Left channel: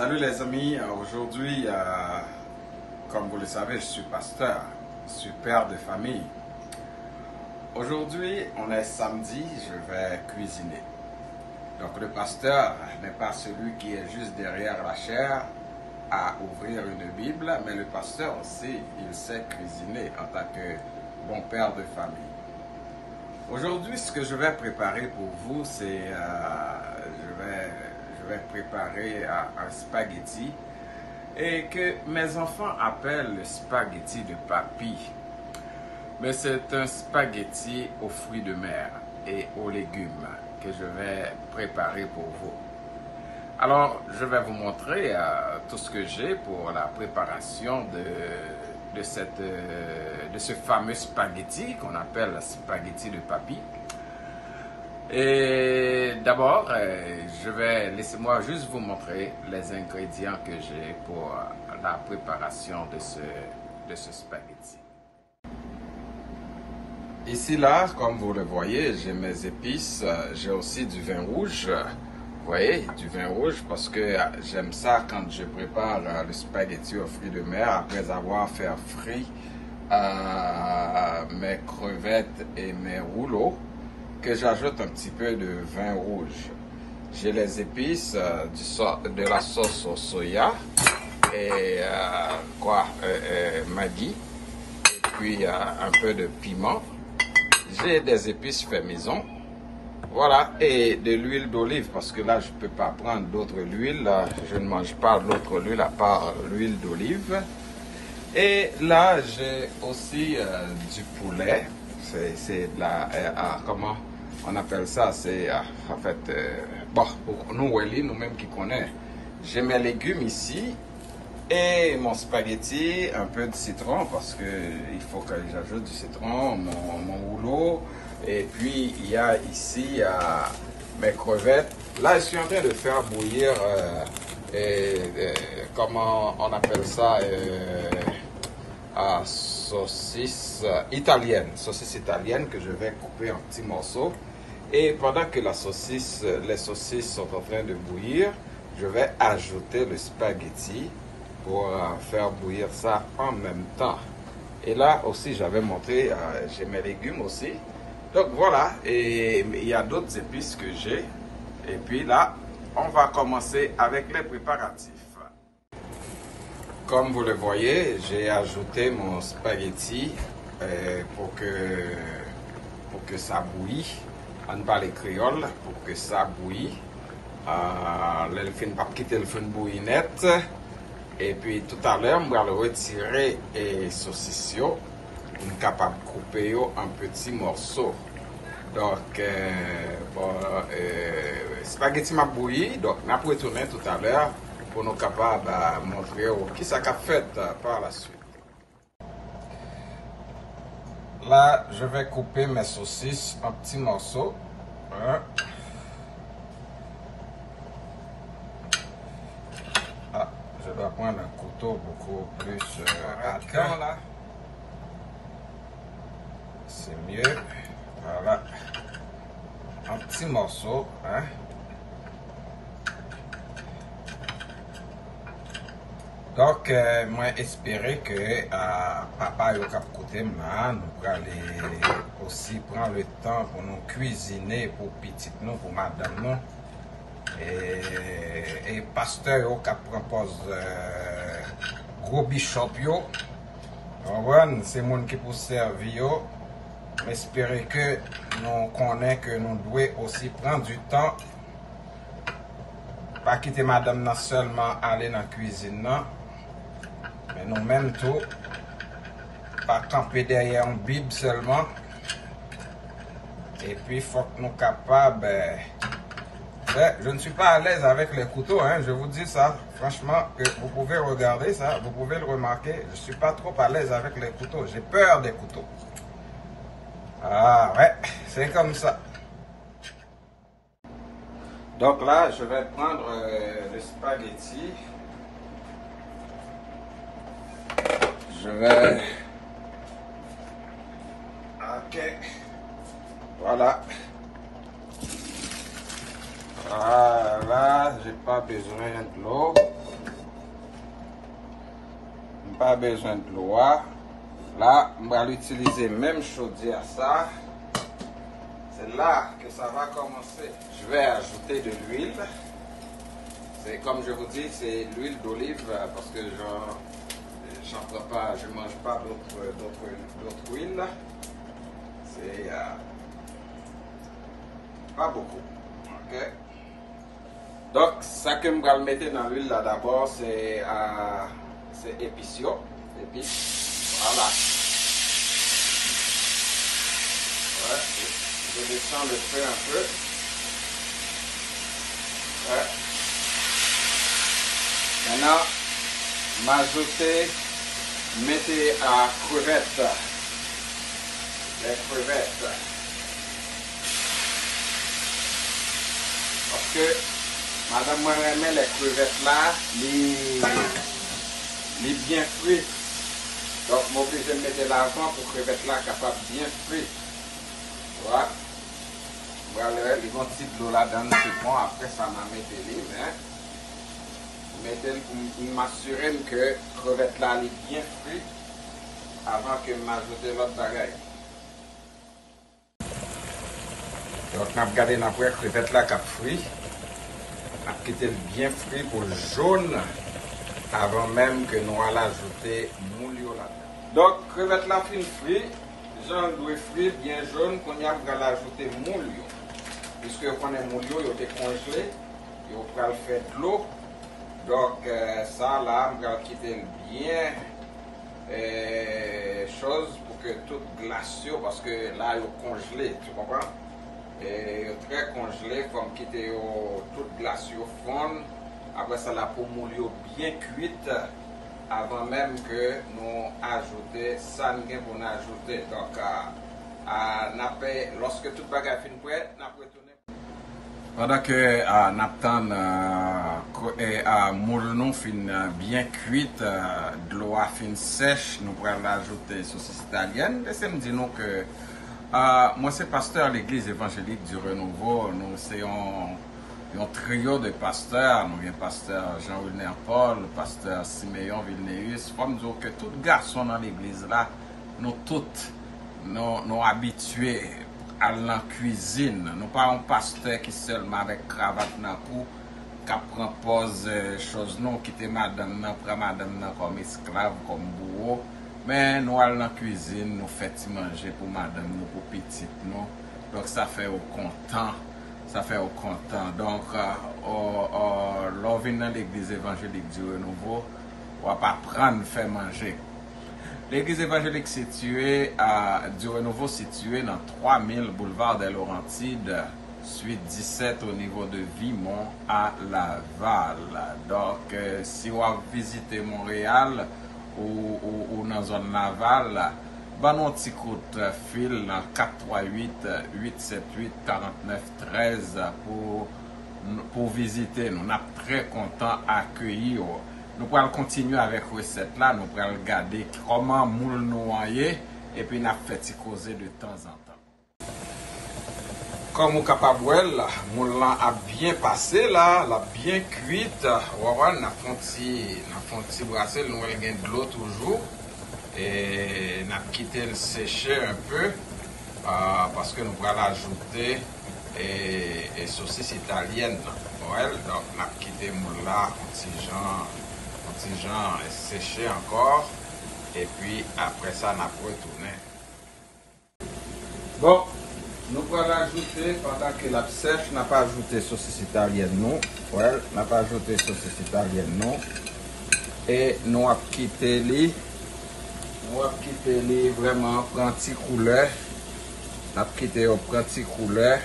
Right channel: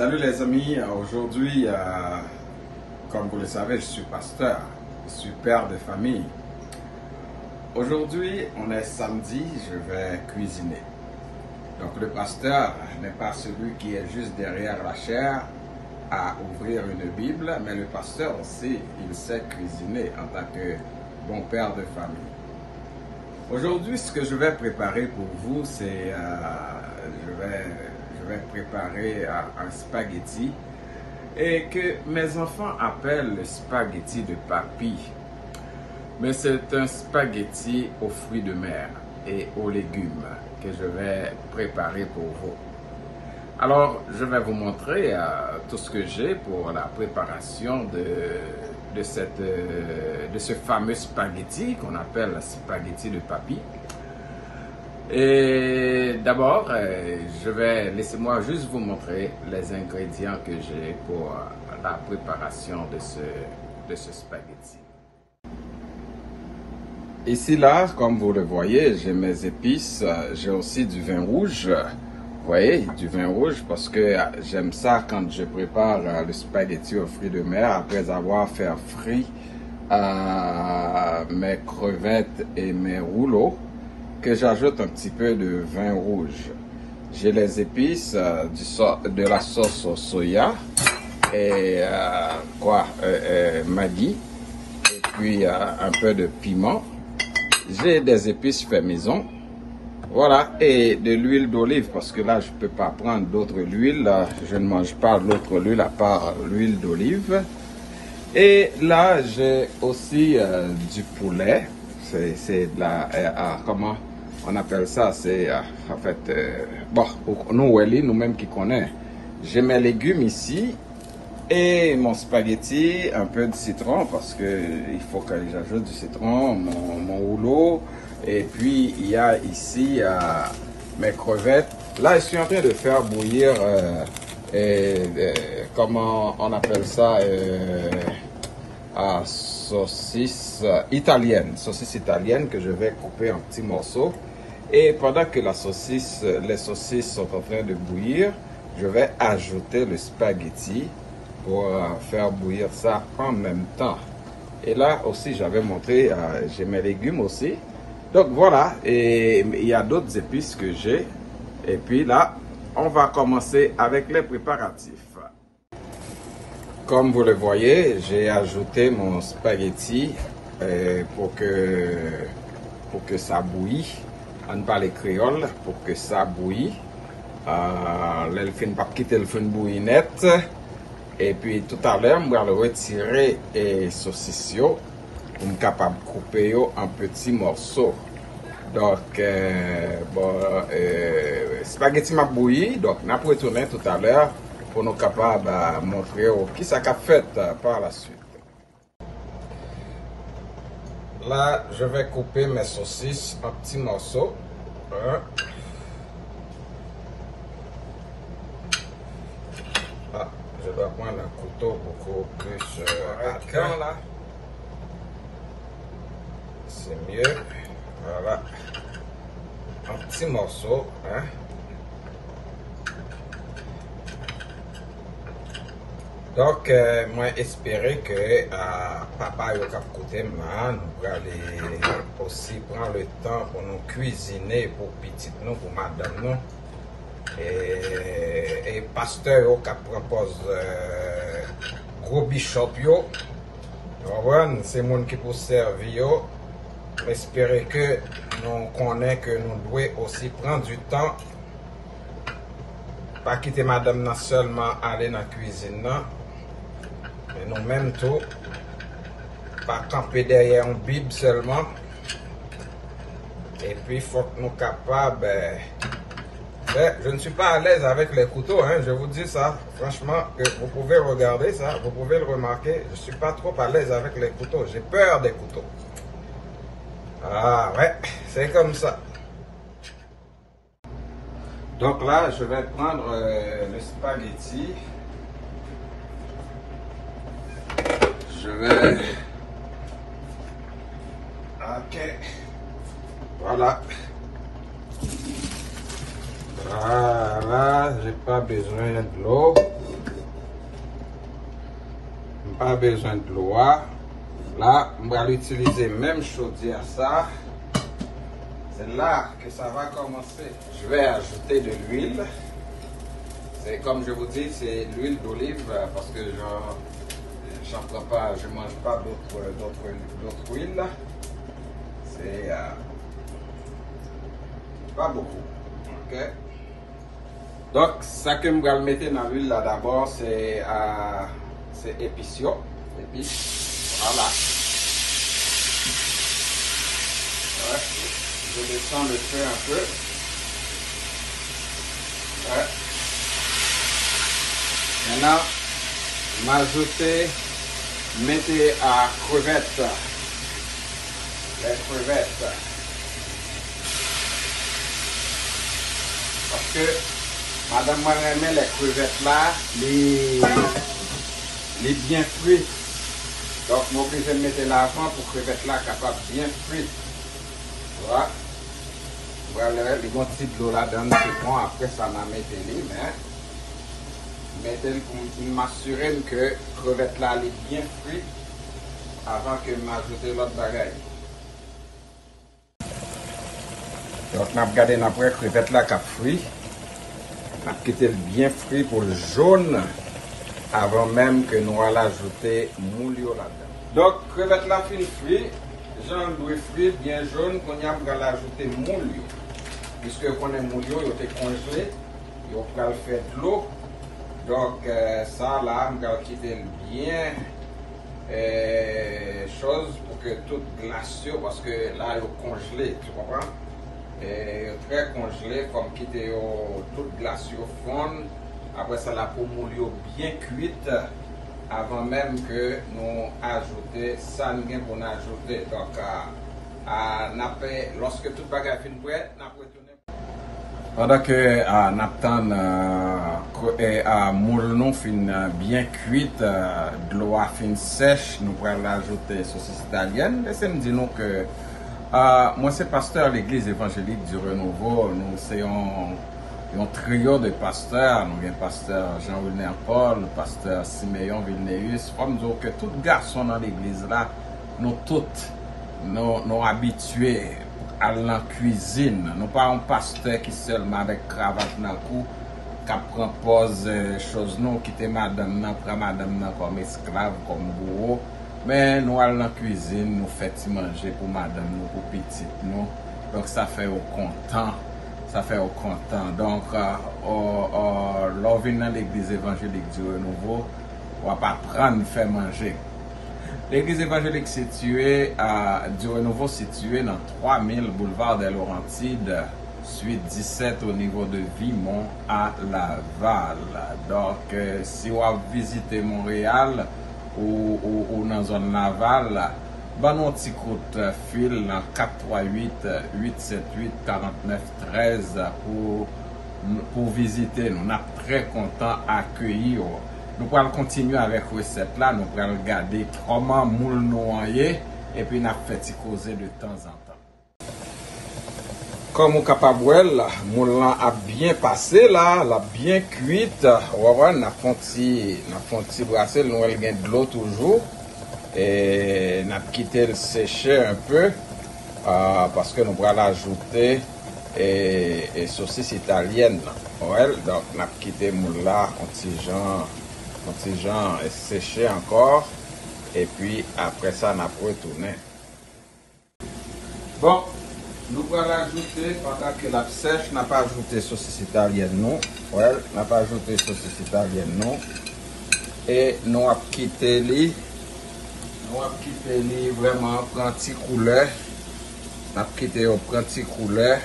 Salut les amis, aujourd'hui, comme vous le savez, je suis pasteur, je suis père de famille. Aujourd'hui, on est samedi, je vais cuisiner. Donc le pasteur n'est pas celui qui est juste derrière la chaire à ouvrir une Bible, mais le pasteur aussi, il sait cuisiner en tant que bon père de famille. Aujourd'hui, ce que je vais préparer pour vous, c'est je vais préparer un spaghetti et que mes enfants appellent le spaghetti de papy. Mais c'est un spaghetti aux fruits de mer et aux légumes que je vais préparer pour vous. Alors, je vais vous montrer tout ce que j'ai pour la préparation de ce fameux spaghetti qu'on appelle le spaghetti de papy. Et d'abord, laissez-moi juste vous montrer les ingrédients que j'ai pour la préparation de ce spaghetti. Ici, là, comme vous le voyez, j'ai mes épices, j'ai aussi du vin rouge. Vous voyez, du vin rouge parce que j'aime ça quand je prépare le spaghetti aux fruits de mer après avoir fait frire mes crevettes et mes rouleaux, que j'ajoute un petit peu de vin rouge. J'ai les épices de la sauce au soya et Maggi, et puis un peu de piment. J'ai des épices fait maison. Voilà, et de l'huile d'olive, parce que là, je ne peux pas prendre d'autre huile. Je ne mange pas d'autre huile à part l'huile d'olive. Et là, j'ai aussi du poulet. C'est de la... comment on appelle ça? C'est en fait... bon, pour nous-mêmes qui connaissons. J'ai mes légumes ici. Et mon spaghetti, un peu de citron, parce que il faut que j'ajoute du citron, mon rouleau. Et puis, il y a ici mes crevettes. Là, je suis en train de faire bouillir, comment on appelle ça, saucisse italienne que je vais couper en petits morceaux. Et pendant que les saucisses sont en train de bouillir, je vais ajouter le spaghetti pour faire bouillir ça en même temps. Et là aussi, j'avais montré, j'ai mes légumes aussi. Donc voilà, et il y a d'autres épices que j'ai. Et puis là, on va commencer avec les préparatifs. Comme vous le voyez, j'ai ajouté mon spaghetti pour que ça bouille. On parle créole, pour que ça bouille. Pas quitter le feu bouillir net. Et puis tout à l'heure, je vais le retirer et saucisses pour être capable de couper en petits morceaux. Donc, spaghetti m'a bouilli, donc on va retourner tout à l'heure pour nous capables de montrer qui ça a fait par la suite. Là, je vais couper mes saucisses en petits morceaux. Je dois prendre un couteau beaucoup plus rapide là. C'est mieux. Voilà. Un petit morceau. Hein. Donc, moi, espérer que papa et cap côté nous allons aussi prendre le temps pour nous cuisiner pour petit nous, pour madame nous. Et pasteur qui propose gros bishop yo, c'est monde qui peut servir. J'espère que nous connaissons que nous devons aussi prendre du temps, pas quitter madame seulement aller dans la cuisine, mais nous même tout, pas camper derrière une Bible seulement. Et puis il faut que nous soyons capables. Je ne suis pas à l'aise avec les couteaux, hein, je vous dis ça. Franchement, vous pouvez regarder ça, vous pouvez le remarquer. Je ne suis pas trop à l'aise avec les couteaux. J'ai peur des couteaux. Ah ouais, c'est comme ça. Donc là, je vais prendre le spaghetti. Je vais... Ok. Voilà. Voilà, j'ai pas besoin de l'eau. Pas besoin de l'eau. Là, on va utiliser même chaudière ça. C'est là que ça va commencer. Je vais ajouter de l'huile. C'est comme je vous dis, c'est l'huile d'olive parce que je mange pas d'autres huiles. C'est pas beaucoup. Ok. Donc, ça que je vais mettre dans l'huile là d'abord, c'est épices. Voilà. Ouais. Je descends le feu un peu. Ouais. Maintenant, mettez à crevettes. Les crevettes. Parce que madame m'a aimé les crevettes là, les bien frites. Donc, moi, je vais mettre l'argent pour crevettes là capable bien frites. Voilà. Voilà, les bons types d'eau là-dedans, c'est bon. Après, ça m'a mis les mains. Mettez pour m'assurer que crevettes là est bien frites avant que je m'ajoute l'autre bagaille. Donc, on a regardé après crevettes là qui frit. On a quitté bien frit pour le jaune avant même que nous allons ajouter moulio là-dedans. Donc, crevettes là fin frit, j'en dois frit bien jaune qu'on y a pour ajouter moulio. Puisque quand on est moulio, il est congelé, il va le faire de l'eau. Donc, ça là, on va quitter bien chose pour que toute glacière, parce que là, il est congelé, tu comprends? Et très congelé, comme quitter toute glacière fond. Après ça, la peau moulio bien cuite avant même que nous ajouter ça, nous pour ajouter. Donc, lorsque tout bagage est prêt, nous retourner. Pendant que moule nous fin bien cuite, de l'eau fin sèche, nous pourrons ajouter saucisse italienne. Laissez-moi dire nous que moi c'est pasteur à l'église évangélique du Renouveau. Nous sommes un trio de pasteurs. Nous avons pasteur Jean-Wilner Paul, pasteur Siméon Vilnéus. Comme dire que tous les garçons dans l'église là, nous tous nous habitués à la cuisine. Nous pas un pasteur qui seulement avec cravate dans le cou, qui prend pause choses non, qui était madame, prend madame comme esclave, comme bourreau. Mais nous allons dans la cuisine, nous faisons manger pour madame, nous, pour petite nous. Donc ça fait au content. Ça fait au content. Donc, l'on vient dans l'église évangélique du Renouveau, on va pas prendre, faire manger. L'église évangélique située du Renouveau située dans 3000 boulevard des Laurentides, suite 17 au niveau de Vimont à Laval. Donc, si vous visitez Montréal ou dans la zone Laval, ben non petit coup de fil dans 438-878-4913 pour visiter. Nous sommes très contents d'accueillir. Nous pourrons continuer avec la recette là, nous pourrons regarder comment moule noyer et puis nous fait causer de temps en temps. Comme vous capable moule a bien passé là, la bien cuite. On a fait un petit brassel, nous avons de l'eau toujours. Et nous avons quitté le sécher un peu parce que nous pourrons ajouter et saucisse italienne. Ouais, donc nous avons quitté moule là, un petit genre séché encore. Et puis après ça, nous avons retourné. Bon, nous allons ajouter, pendant que la sèche, n'a pas ajouté saucisse italienne non. Ouais, n'a pas ajouté saucisse italienne non. Et nous avons quitté les. Moi, quitter les vraiment prendre petit couleur. On quitter au petit couleur.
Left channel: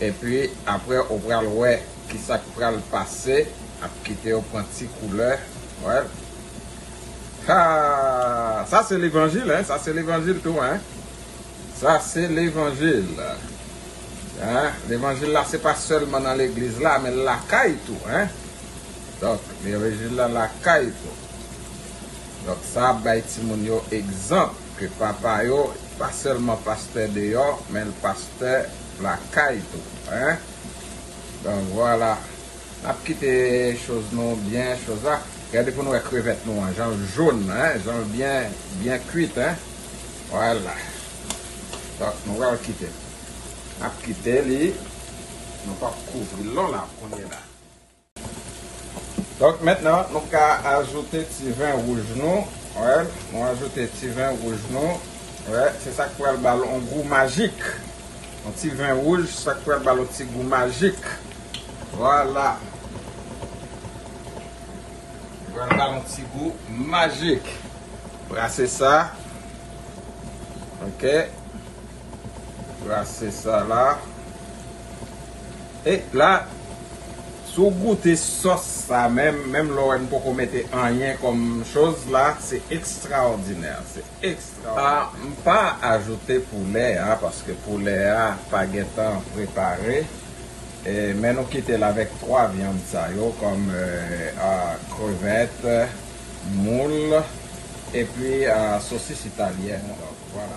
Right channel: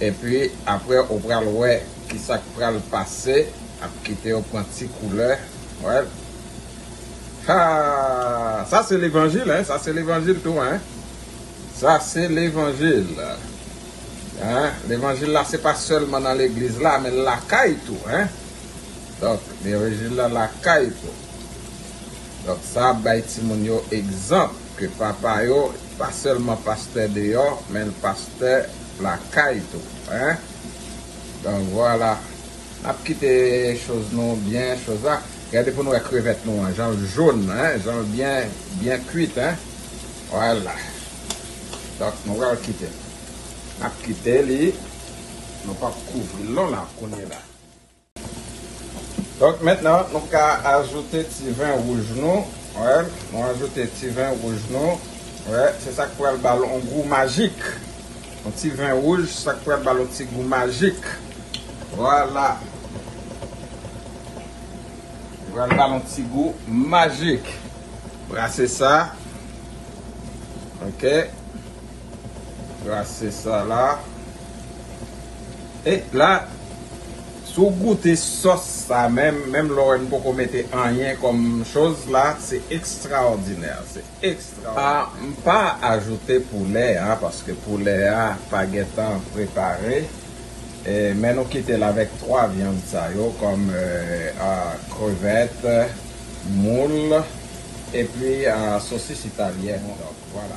Et puis après on prend le ouais qui ça prend le passer, on quitter au petit couleur. Ouais. Ah, ça c'est l'évangile hein, ça c'est l'évangile tout hein. Ça c'est l'évangile. Hein? L'évangile là c'est pas seulement dans l'église là mais la caille tout hein. Donc l'évangile là la caille tout. Donc ça, c'est un exemple que papa yo, pas seulement pasteur dehors, mais le pasteur la caille tout. Hein? Donc voilà, on a quitté les choses non bien, choses là. Regardez pour nous les crevettes nous, hein, genre jaune, hein, genre bien cuite, hein. Voilà. Donc, nous allons quitter. On va quitter les. Nous pas couvrir là, on est là. Donc maintenant, nous allons ajouter petit vin rouge nous. Ouais, on va ajouter petit vin rouge nous. Ouais, c'est ça qui va le ballon un goût magique. Un petit vin rouge, c'est ça qui va le ballon petit goût magique. Voilà. Voilà un petit goût magique. Brassez ça. Ok. Brassez ça là. Et là, si vous goûtez sauce, ça même là, on peut mettre rien comme chose là, c'est extraordinaire. C'est extraordinaire. Pas ajouter poulet, hein, parce que poulet a pas guettant préparé. Mais nous quittons là avec 3 viandes ça, comme crevettes, moule et puis saucisse italienne. Donc, voilà.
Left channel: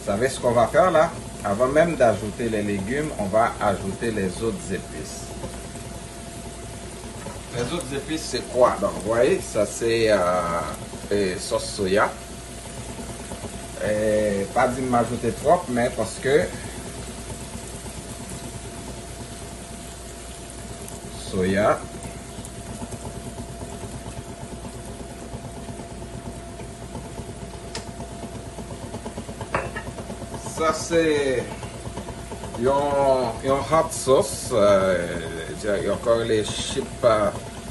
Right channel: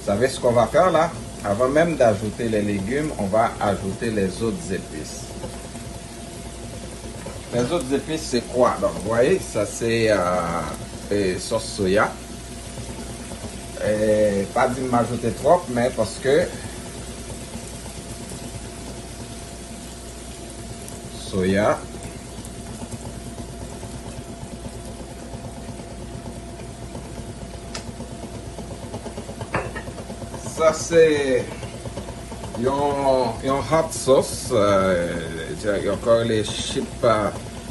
Vous savez ce qu'on va faire là? Avant même d'ajouter les légumes, on va ajouter les autres épices. Les autres épices, c'est quoi? Donc, vous voyez, ça c'est sauce soya. Pas de m'ajouter trop, mais parce que soya. Ça c'est un hot sauce. Il y a encore les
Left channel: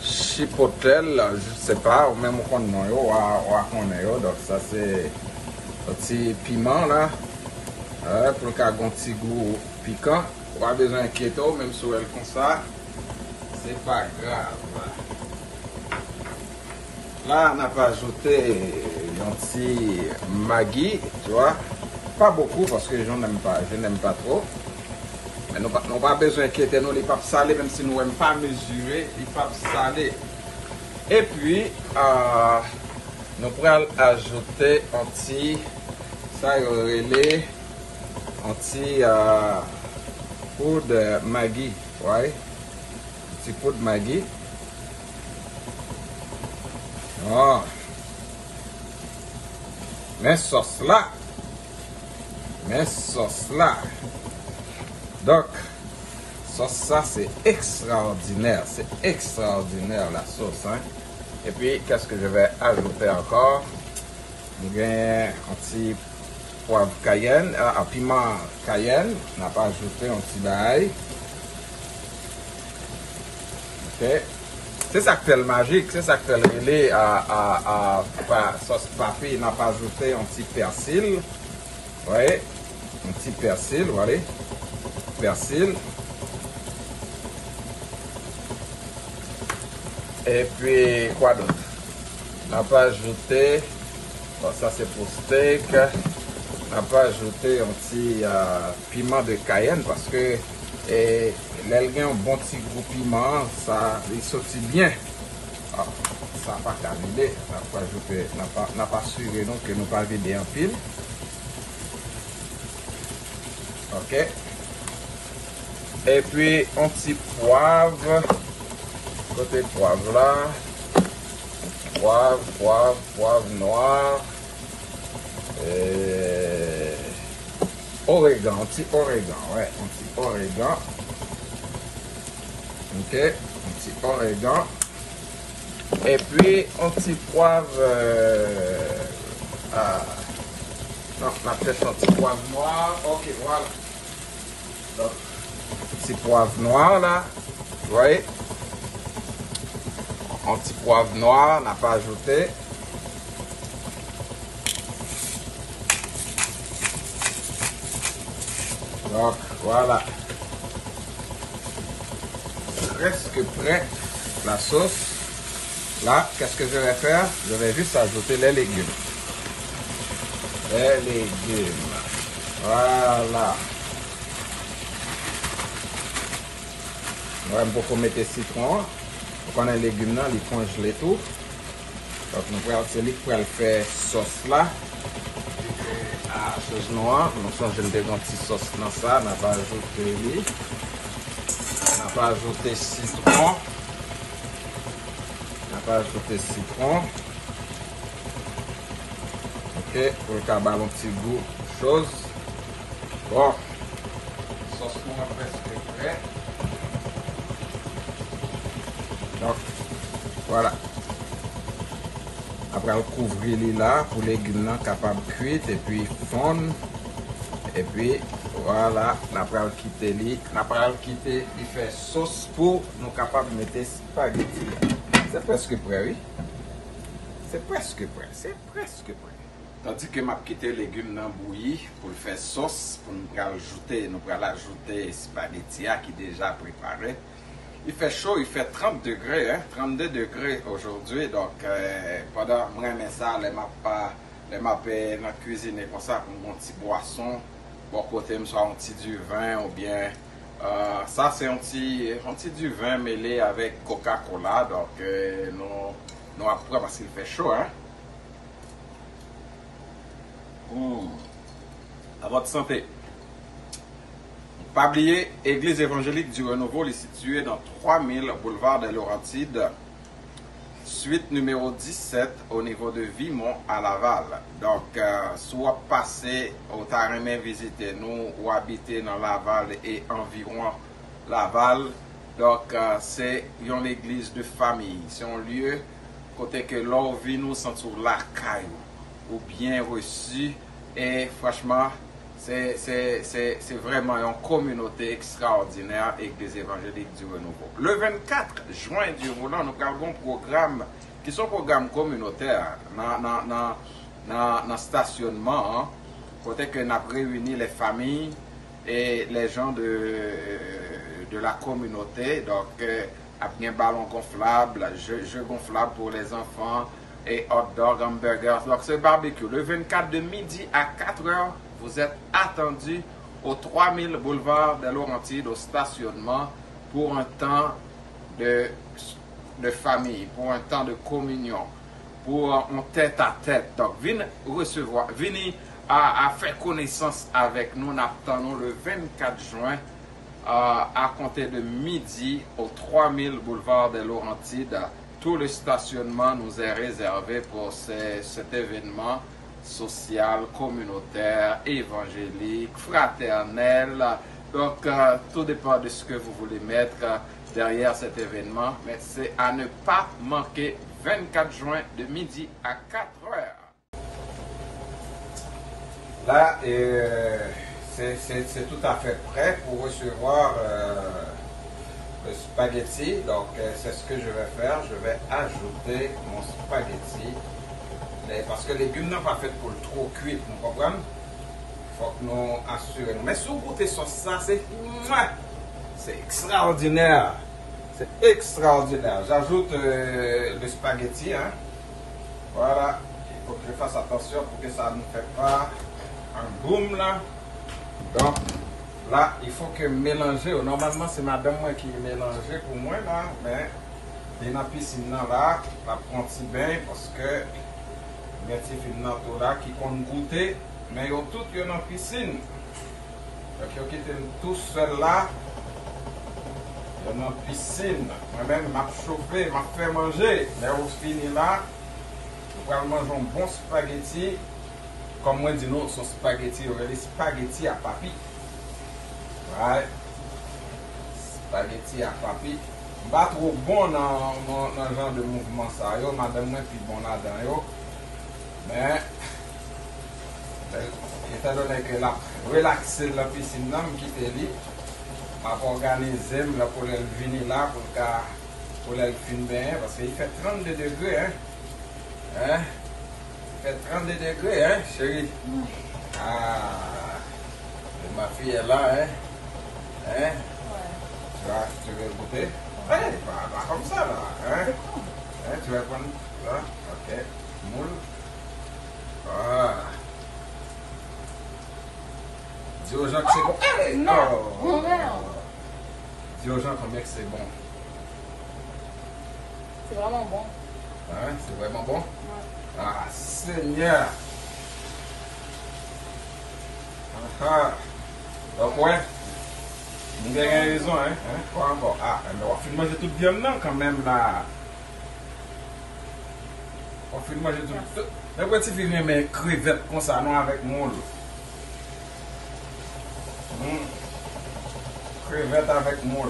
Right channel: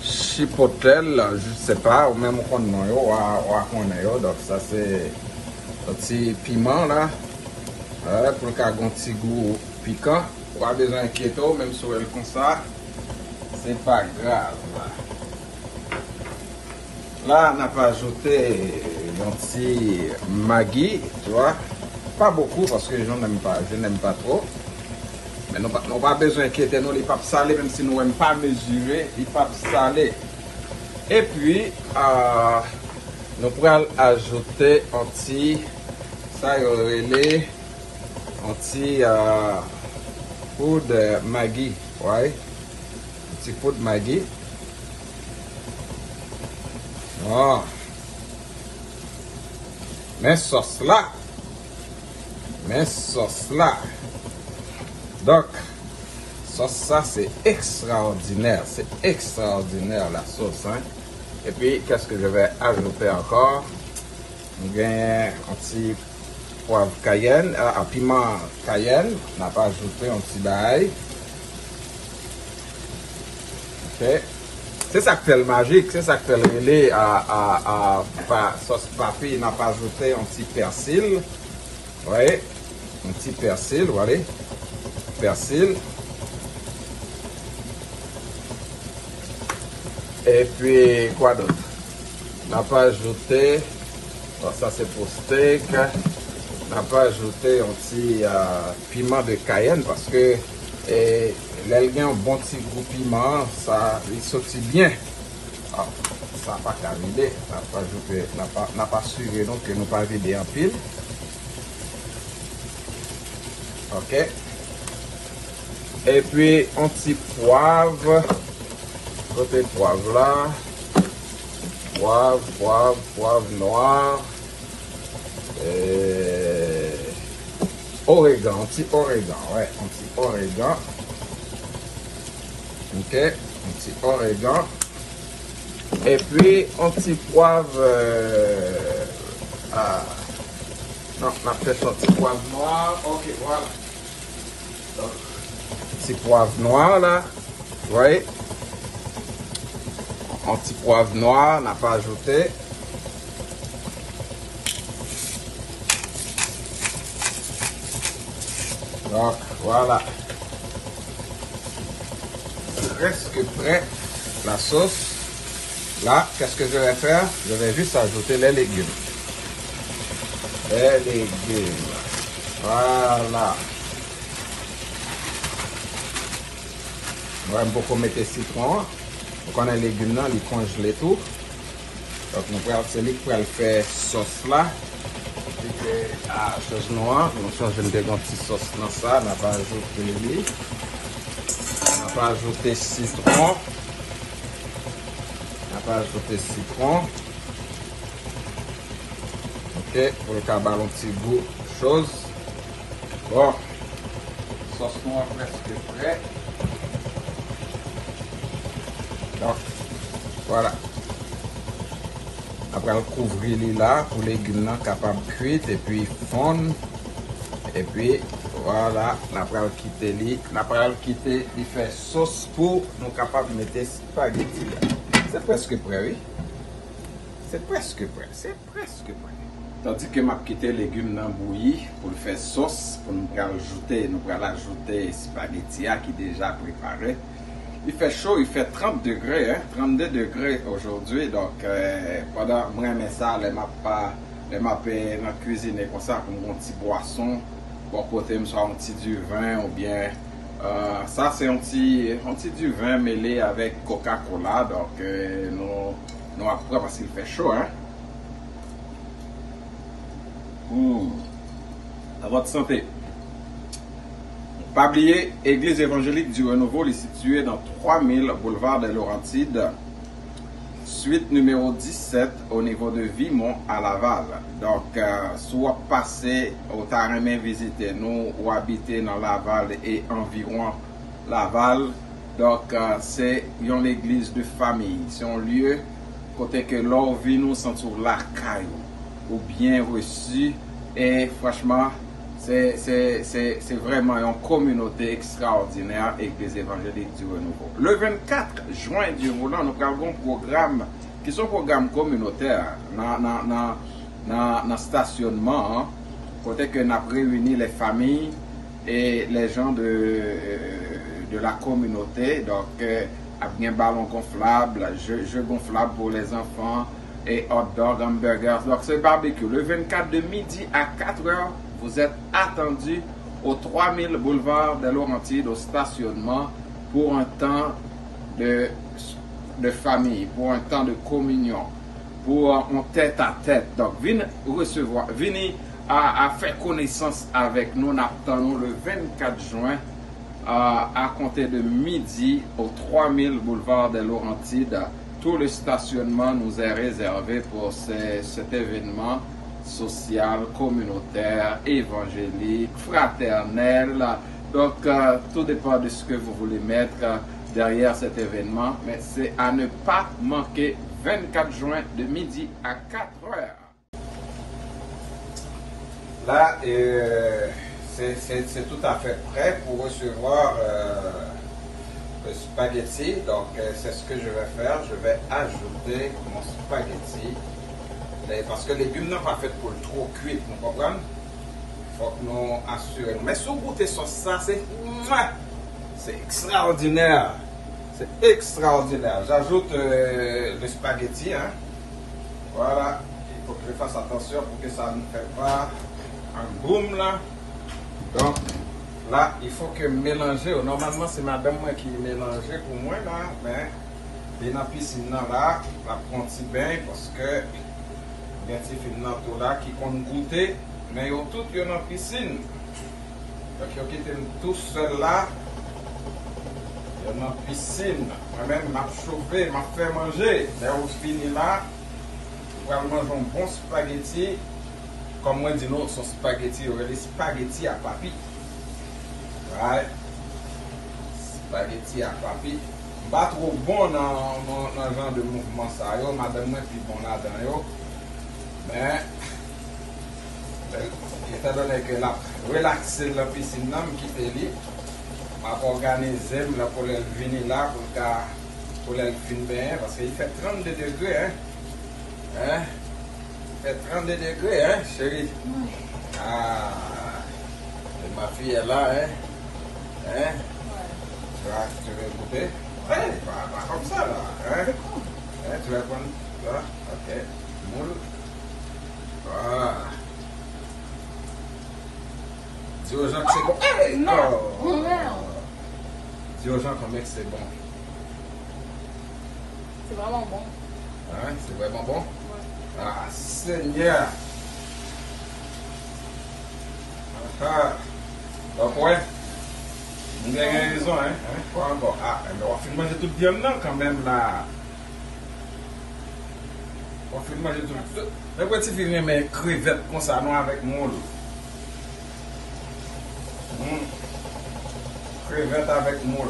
chipotle, je sais pas, ou même on connaît, donc ça c'est un petit piment là, pour qu'il y ait un petit goût piquant. Pas besoin d'inquiéter, même si elle comme ça. C'est pas grave. Là, on a pas ajouté un petit Maggi, tu vois. Pas beaucoup parce que je n'aime pas trop. Mais nous n'avons pas besoin d'inquiéter, nous, les papes salés, même si nous n'aimons pas mesurer, les papes salés. Et puis, nous pourrons ajouter un petit, poudre Maggi, ouais. Petit poudre Maggi. Oh. Mais sauce là. Donc, sauce ça c'est extraordinaire. C'est extraordinaire la sauce. Hein? Et puis, qu'est-ce que je vais ajouter encore? Il y a un petit poivre cayenne, un piment cayenne. On n'a pas ajouté un petit bail. Ok. C'est ça qui fait le magique, c'est ça qui fait le relais à sauce papy. On n'a pas ajouté un petit persil. Oui, un petit persil, voilà. Persil. Et puis, quoi d'autre? On n'a pas ajouté, bon, ça c'est pour steak. On n'a pas ajouté un petit piment de cayenne parce que l'elgin, un bon petit goût piment, ça, il sortit bien. Ah, ça n'a pas qu'à vider, on n'a pas suivi donc que nous pas vider en pile. Ok. Et puis un petit poivre. Côté poivre là. Poivre noir. Origan, un petit origan, ouais, un petit origan. Ok, un petit origan. Et puis un petit poivre. Non, on a fait un petit poivre noir. Ok, voilà. Donc, petit poivre noir là. Vous voyez? Un petit poivre noir, on n'a pas ajouté. Donc, voilà. C'est presque prêt la sauce. Là, qu'est-ce que je vais faire? Je vais juste ajouter les légumes. Les légumes. Voilà. On va beaucoup mettre citron. On a les légumes là, les congeler tout. Donc, c'est lui qui va faire sauce là. Noir, on change une petite sauce dans ça, on n'a pas ajouté lui. On n'a pas ajouté citron. On va ajouter citron. Ok, pour le cabal un petit goût de chose. Bon, sauce noire presque prêt. Donc, voilà. Après, on couvre les là pour les légumes capables de cuire et puis fondre. Et puis, voilà, après, on quitte les. Après, on quitte, il fait sauce pour nous capables de mettre spaghetti. C'est presque prêt, oui. C'est presque prêt. C'est presque prêt. Tandis que m'a quitté les légumes dans bouilli pour le faire sauce, pour nous ajouter spaghetti qui est déjà préparé. Il fait chaud, il fait 30 degrés, hein, 32 degrés aujourd'hui. Donc, pendant moi, ça, les m'a dans la cuisine comme ça, comme un petit boisson. Bon côté, me soit un petit du vin ou bien. Ça, c'est un petit du vin mêlé avec Coca-Cola. Donc, nous après parce qu'il fait chaud, hein. À votre santé. Pas oublier, Église évangélique du Renouveau est située dans 3000 boulevard des Laurentides, suite numéro 17 au niveau de Vimont à Laval. Donc, soit passé au Tarimé visiter nous ou habiter dans Laval et environ Laval. Donc, c'est une église de famille. C'est un lieu côté que l'on vit nous sentir la caille ou bien reçu. Et franchement, c'est vraiment une communauté extraordinaire avec des évangéliques du Renouveau. Le 24 juin, Dieu voulant, nous avons un programme qui sont programmes communautaires dans le stationnement, hein, côté que nous avons réuni les familles et les gens de la communauté. Donc, avec un ballon gonflable, jeu gonflable pour les enfants et hot dog, hamburgers. Donc, c'est barbecue. Le 24 de midi à 4 heures, vous êtes attendus au 3000 boulevard des Laurentides au stationnement pour un temps de famille, pour un temps de communion, pour un tête à tête. Donc, venez recevoir, venez à faire connaissance avec nous. Nous attendons le 24 juin à compter de midi au 3000 boulevard des Laurentides. Tout le stationnement nous est réservé pour cet événement social, communautaire, évangélique, fraternel. Donc, tout dépend de ce que vous voulez mettre derrière cet événement. Mais c'est à ne pas manquer 24 juin de midi à 4 heures. Là, c'est tout à fait prêt pour recevoir le spaghetti. Donc, c'est ce que je vais faire. Je vais ajouter mon spaghetti. Parce que les légumes n'ont pas fait pour le trop cuit, vous comprenez? Il faut que nous assurer. Mais si vous goûtez ça, c'est extraordinaire. C'est extraordinaire. J'ajoute le spaghetti. Hein. Voilà. Il faut que je fasse attention pour que ça ne fait pas un boom là. Donc, là, il faut que mélanger. Normalement, c'est madame moi qui mélange pour moi là. Mais dans la piscine là, la prend bien parce que il y a des films là qui comptent goûter, mais ils ont tous dans la piscine. Donc, ils ont quitté tout seul là, dans la piscine. Moi-même, m'a chauffé, m'a fait manger. Mais au fini là, on va manger un bon spaghetti. Comme moi, dis nous, son spaghetti, on va des spaghetti à papi. Ouais. Spaghetti à papi. Pas trop bon dans le genre de mouvement ça. Madame, moi, puis bon là-dedans. Mais, étant donné que la relaxer la piscine, je quitte l'île, je organiser pour le venir là, pour le venir bien, parce qu'il fait 32 degrés, hein? Il fait 32 degrés, hein, chérie? Ah, et ma fille est là, hein? Hein? Tu veux goûter? Ouais, pas comme ça, là, hein? Tu vas prendre ça? Ok. Moule. Ah. Dis aux gens que c'est bon. Hey, non! Dis aux gens combien que c'est bon. C'est vraiment bon. Hein? C'est vraiment bon? Ouais. Ah, Seigneur! Ah. Donc, ouais. Vous avez raison, hein? Quoi encore? Ah, mais on va manger tout bien là quand même là. On fait manger tout. Mais quand tu fais mes crevettes comme ça, non avec moule. Crevettes avec moule.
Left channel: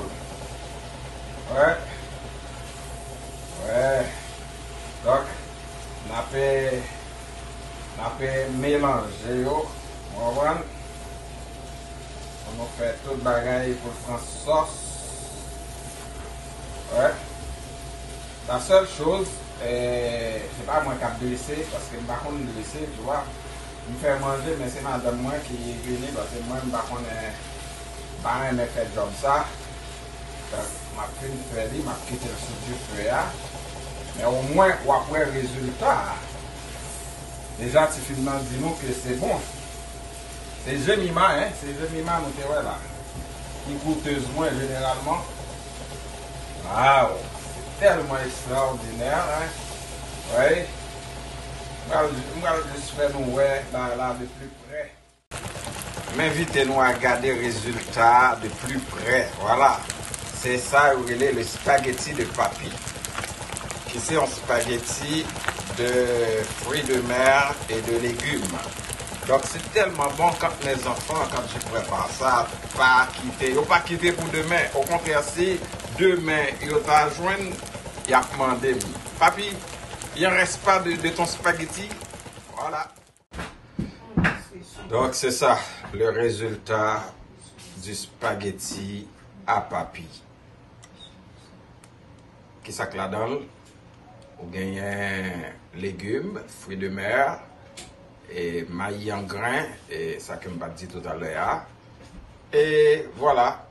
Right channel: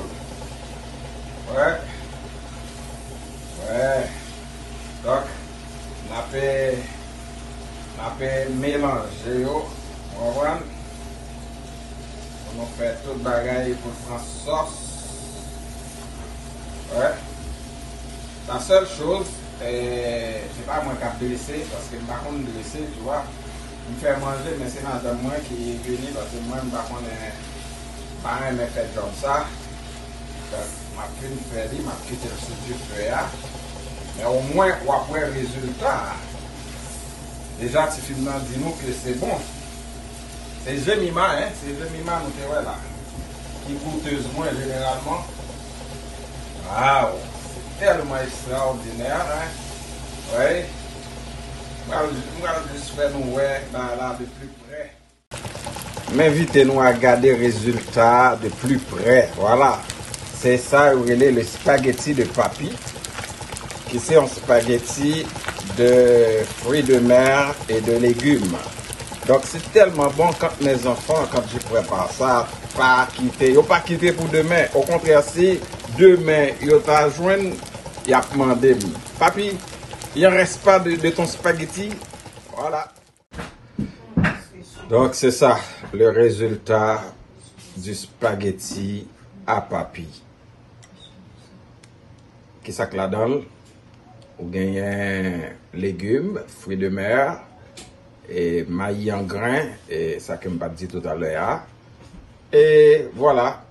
Ouais. Ouais. Donc, on peut mélanger. On va on fait tout bagaille pour prendre sauce. Ouais. La seule chose, c'est pas moi qui ai blessé, parce que je ne vais pas blesser, tu vois. Il me fait manger, mais c'est madame moi qui est venue, parce que moi, je ne vais pas faire job ça. Ma fille fait dit, ma quitté le studio faire. Mais au moins, après le résultat, déjà, si finalement dit nous que c'est bon. C'est Jemima, hein, c'est Jemima, nous te là. Qui coûteuse moins généralement. Waouh! Tellement extraordinaire, hein? Oui. On va juste faire nous voir là de plus près. M'invitez-nous à regarder le résultat de plus près. Voilà. C'est ça, le spaghetti de papy. Qui c'est un spaghetti de fruits de mer et de légumes. Donc c'est tellement bon quand mes enfants, quand je prépare ça, pas quitter pour demain. Au contraire, si demain ils ont joindre, ils ont demandé, papi, il ne reste pas de ton spaghetti. Voilà. Donc c'est ça, le résultat du spaghetti à papy. Qui ça que là-dedans? Vous gagnez légumes, fruits de mer, et maïs en grains, et ça que je m'ai dit tout à l'heure. Et voilà,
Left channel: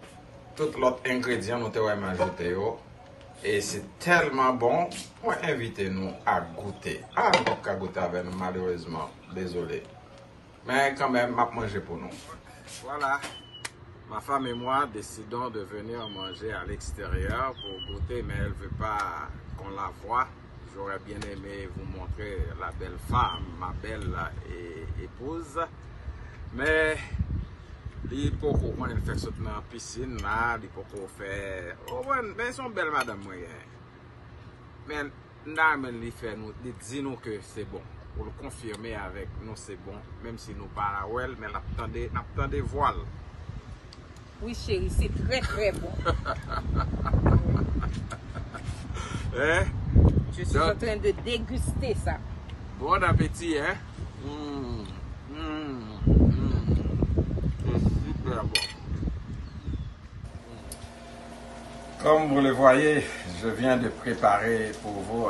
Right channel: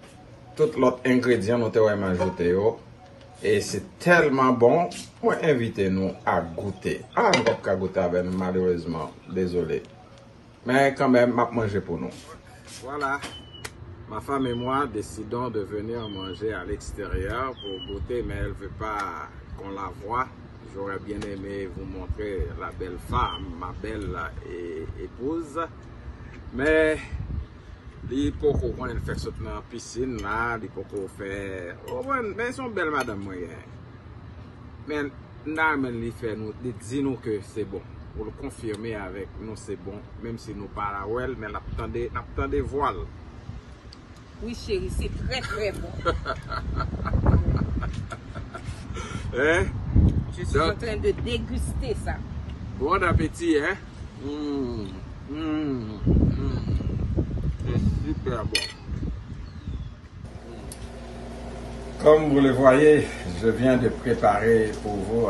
tout l'autre ingrédient nous avons ajouté. Et c'est tellement bon, moi invitez-nous à goûter. Ah, je ne peux pas goûter avec nous, malheureusement, désolé. Mais quand même, je vais manger pour nous. Voilà, ma femme et moi décidons de venir manger à l'extérieur pour goûter, mais elle ne veut pas qu'on la voie. J'aurais bien aimé vous montrer la belle femme, ma belle épouse. Mais, il faut qu'on fait ça dans la piscine là, il faut qu'on fait. Oh, mais ils sont belles, madame. Mais, nous fait nous, dis-nous que c'est bon. Pour le confirmer avec nous, c'est bon. Même si nous parlons well, mais l'attendez voile. Oui, chérie, c'est très très bon. Hein? Je suis en train de déguster ça. Bon appétit, hein? C'est super bon. Comme vous le voyez, je viens de préparer pour vous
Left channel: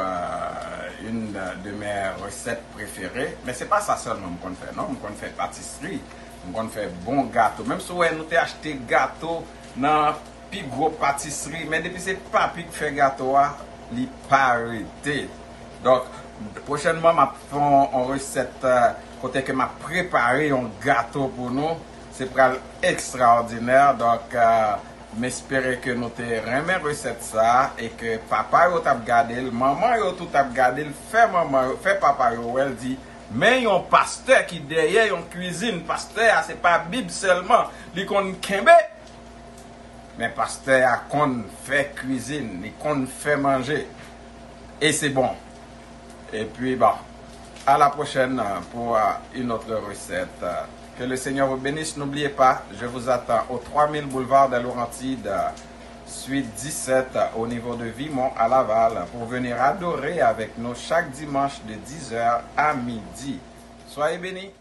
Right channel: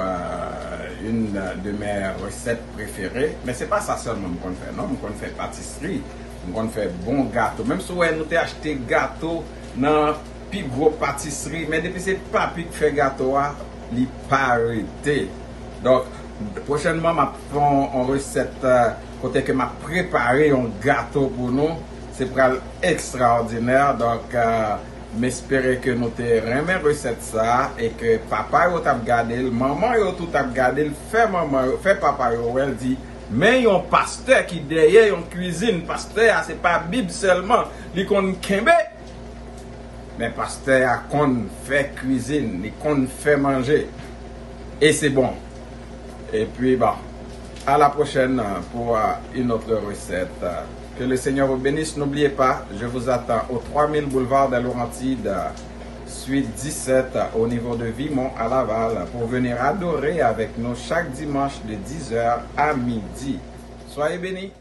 une de mes recettes préférées. Mais c'est pas ça seulement qu'on fait, non? On fait pâtisserie, on fait bon gâteau. Même si nous avons acheté gâteau dans plus gros pâtisserie, mais depuis c'est pas qui fait gâteau, il pas arrêté. Donc, prochainement, je vais faire une recette côté que m'a préparé un gâteau pour nous. C'est pour extraordinaire. Donc, j'espère que nous avons recette ça et que papa yo t'a regardé, maman yo tout t'a regardé, fait papa yo elle dit mais yon pasteur qui derrière yon cuisine, pasteur c'est pas Bible seulement, il kon kembe. Mais pasteur a qu'on fait cuisine, il qu'on fait manger. Et c'est bon. Et puis, bah, à la prochaine pour une autre recette. Que le Seigneur vous bénisse. N'oubliez pas, je vous attends au 3000 boulevard des Laurentides, suite 17 au niveau de Vimont à Laval, pour venir adorer avec nous chaque dimanche de 10h à midi. Soyez bénis.